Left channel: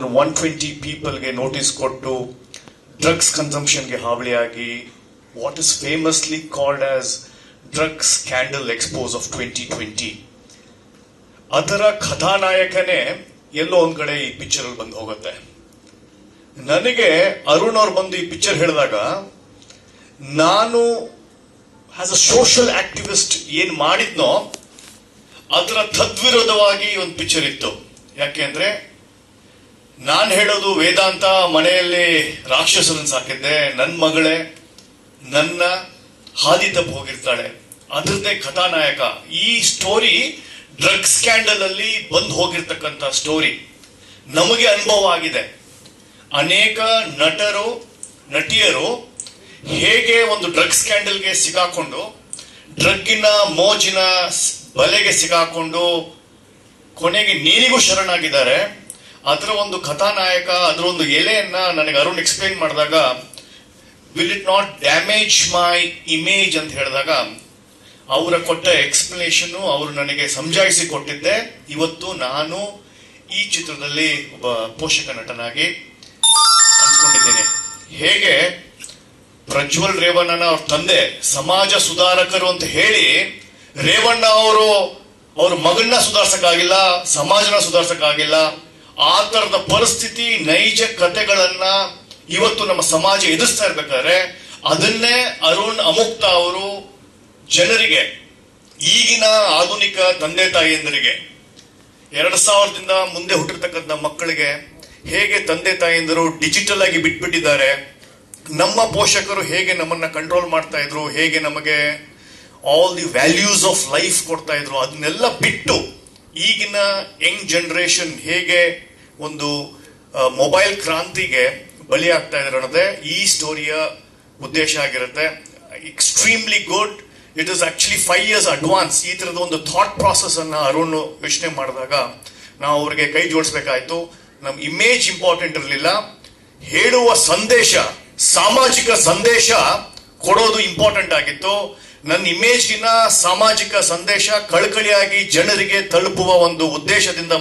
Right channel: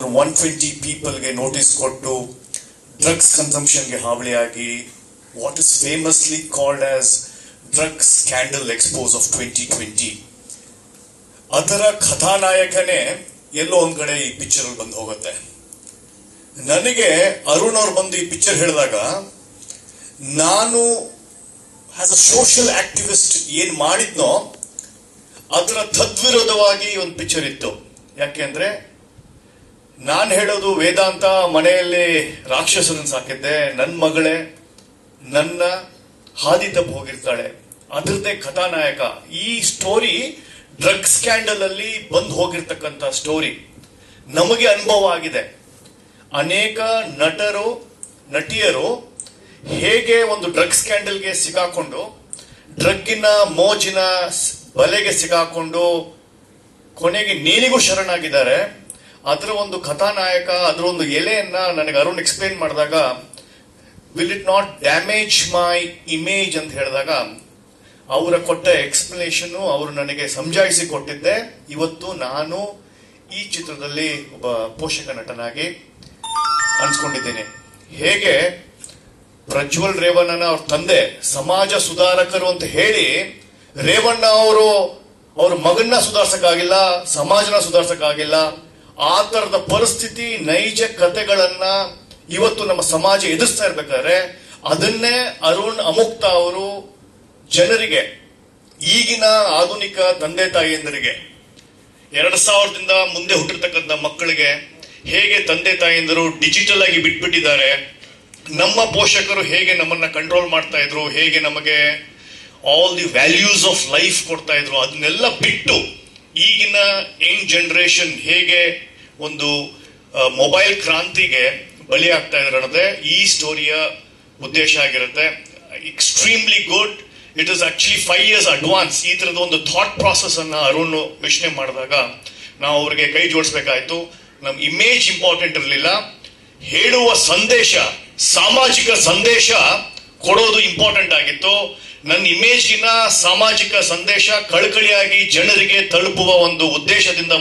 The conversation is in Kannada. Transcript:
120 ಪೀಪಲ್ಗೆ ನೋಟಿಸ್ ಕೊಟ್ಟು ಡ್ರಗ್ಸ್ ಕನ್ಸಂಪ್ಷನ್ಗೆ ಹಾವಳಿಯಾಗಿ what is famously called as drugs scandal expose of 2020 ಅದರ ಕಥಾನಾಯಕನೇ ಎಲ್ಲೋ ಒಂದ್ ಕಡೆ ಈ ಪಿಕ್ಚರ್ ಅಲ್ಲಿ ಬಂದು ಹೋಗುತ್ತೆ. ನನಗೆ ಅರುಣ್ ಅವ್ರು ಬಂದು ಈ ಪಿಕ್ಚರ್ ಹೇಳಿದಾಗ ನಾನು ಆಸ್ ಅ ಸೋಷಿಯಲ್ ಆಕ್ಟಿವಿಸ್ಟ್ ಏನ್ ಮಾಡಿದ್ನೋ ಅದರ ತದ್ವಿರೋಧವಾಗಿ ಒಂದು ಪಿಕ್ಚರ್ ಇತ್ತು. ಯಾಕೆಂದ್ರೆ ನಾನು ಹೇಳೋದು ವೇದಾಂತ ಮನೆಯಲ್ಲಿ ರಾಕ್ಷಸರನ್ನು ಸಾಕಿದ್ದೆ, ನನ್ನ ಮಗಳೇ ನನ್ನ ಹಾದಿ ತಪ್ಪು ಹೋಗಿರ್ತಾಳೆ, ಅದರದ್ದೇ ಕಥಾನಾಯಕ. ಈ ಸ್ಟೋರಿ ಡ್ರಗ್ ಸ್ಕ್ಯಾಂಡಲ್ ಅಲ್ಲಿ ಬಂದು ಹೋಗಿರ್ತಕ್ಕಂಥ ಸ್ಟೋರಿ ನಮಗೆ ಅನುಭವ ಆಗಿದೆ. ಅನೇಕ ನಟರು ನಟಿಯರು ಹೇಗೆ ಒಂದು ಡ್ರಗ್ ಸ್ಕ್ಯಾಂಡಲ್ಗೆ ಸಿಗಾಕೊಂಡು ಡ್ರಗ್ಗಿನ ಮೋಜಿನ ಬಲೆಗೆ ಸಿಗಾಕೊಂಡು ಕೊನೆಗೆ ನೇಣಿಗೂ ಶರಣಾಗಿದ್ದಾರೆ. ಅದರ ಒಂದು ಕಥಾನಾಯಕ, ಅದರ ಒಂದು ಎಲೆಯನ್ನ ನನಗೆ ಅರುಣ್ ಎಕ್ಸ್ಪ್ಲೇನ್ ಮಾಡಿದಾಗ will it not damage my image ಅಂತ ಹೇಳಿದಾಗ ಅವರ ಕೊಟ್ಟ ಎಕ್ಸ್ಪ್ಲನೇಷನ್ ಅವರು ನನಗೆ ಸಮಜಾಯಿಸಿ ಕೊಟ್ಟಿದ್ದೆ. ಇವತ್ತು ನಾನು ಈ ಚಿತ್ರದಲ್ಲಿ ಒಬ್ಬ ಪೋಷಕ ನಟನಾಗಿ ಅನ್ಸ್ಕೊಂಡಿದ್ದೇನೆ. ಹೇಗೆ ಪ್ರಜ್ವಲ್ ರೇವಣ್ಣನ ಅವ್ರ ತಂದೆ ಸಮಾಜ ಸುಧಾರಕರು ಅಂತ ಹೇಳಿ ರೇವಣ್ಣ ಅವ್ರ ಮಗನ್ನ ಸುಧಾರಿಸಕ್ಕಾಗಿಲ್ಲ, ಸಮಾಜನ ಸುಧಾರಿಸಕ್ಕಾಗಿಲ್ಲ. ಆ ತರದ ಪರಿಸ್ಥಿತಿ ನೈಜ ಕಥೆಗಳನ್ನ ಇವತ್ತು ನಮ್ಮ ಸಮಾಜ ಎದುರಿಸ್ತಾ ಇರ್ಬೇಕಾದ್ರೆ ಅದನ್ನೇ ಅರುಣ್ ಅಮುಕ್ತ ಅವರು ಜನರಿಗೆ, ಈಗಿನ ಆಧುನಿಕ ತಂದೆ ತಾಯಿಯಂದರಿಗೆ, 2000ದಿಂದ ಮುಂದೆ ಹುಟ್ಟಿರ್ತಕ್ಕಂಥ ಮಕ್ಕಳಿಗೆ ಹೇಗೆ ತಂದೆ ತಾಯಿಯಂದರು ಡಿಜಿಟಲ್ ಆಗಿ ಬಿಟ್ಬಿಟ್ಟಿದ್ದಾರೆ, ನಮ್ಮ ಪೋಷಕರು ಹೇಗೆ ನಮ್ಮನ್ನ ಕಂಟ್ರೋಲ್ ಮಾಡ್ತಾ ಇದ್ರು, ಹೇಗೆ ನಮಗೆ all the values of life ಕೊಡ್ತಾ ಇದ್ರು, ಅದನ್ನೆಲ್ಲ ಬಿಟ್ಟು ಈಗಿನ ಯಂಗ್ ಜನರೇಷನ್ ಹೇಗೆ ಒಂದು ಮೊಬೈಲ್ ಕ್ರಾಂತಿಗೆ ಬಲಿ ಆಗ್ತಾ ಇದ್ದಾರೆ ಅನ್ನೋದೇ ಈ ಸ್ಟೋರಿಯ ಉದ್ದೇಶ ಆಗಿರುತ್ತೆ. Extremely good. It is actually 5 years advance. ಈ ತರದ ಒಂದು ಥಾಟ್ ಪ್ರಾಸೆಸ್ ಅನ್ನ ಅರುಣ್ ಯೋಚನೆ ಮಾಡಿದಾಗ ನಾವು ಅವ್ರಿಗೆ ಕೈ ಜೋಡಿಸ್ಬೇಕಾಯ್ತು. ನಮ್ ಇಮೇಜ್ ಇಂಪಾರ್ಟೆಂಟ್ ಇರಲಿಲ್ಲ, ಹೇಳುವ ಸಂದೇಶ, ಸಾಮಾಜಿಕ ಸಂದೇಶ ಕೊಡೋದು ಇಂಪಾರ್ಟೆಂಟ್ ಆಗಿತ್ತು. ನನ್ನ ಇಮೇಜ್ಗಿನ ಸಾಮಾಜಿಕ ಸಂದೇಶ ಕಳಕಳಿಯಾಗಿ ಜನರಿಗೆ ತಲುಪುವ ಒಂದು ಉದ್ದೇಶದಿಂದ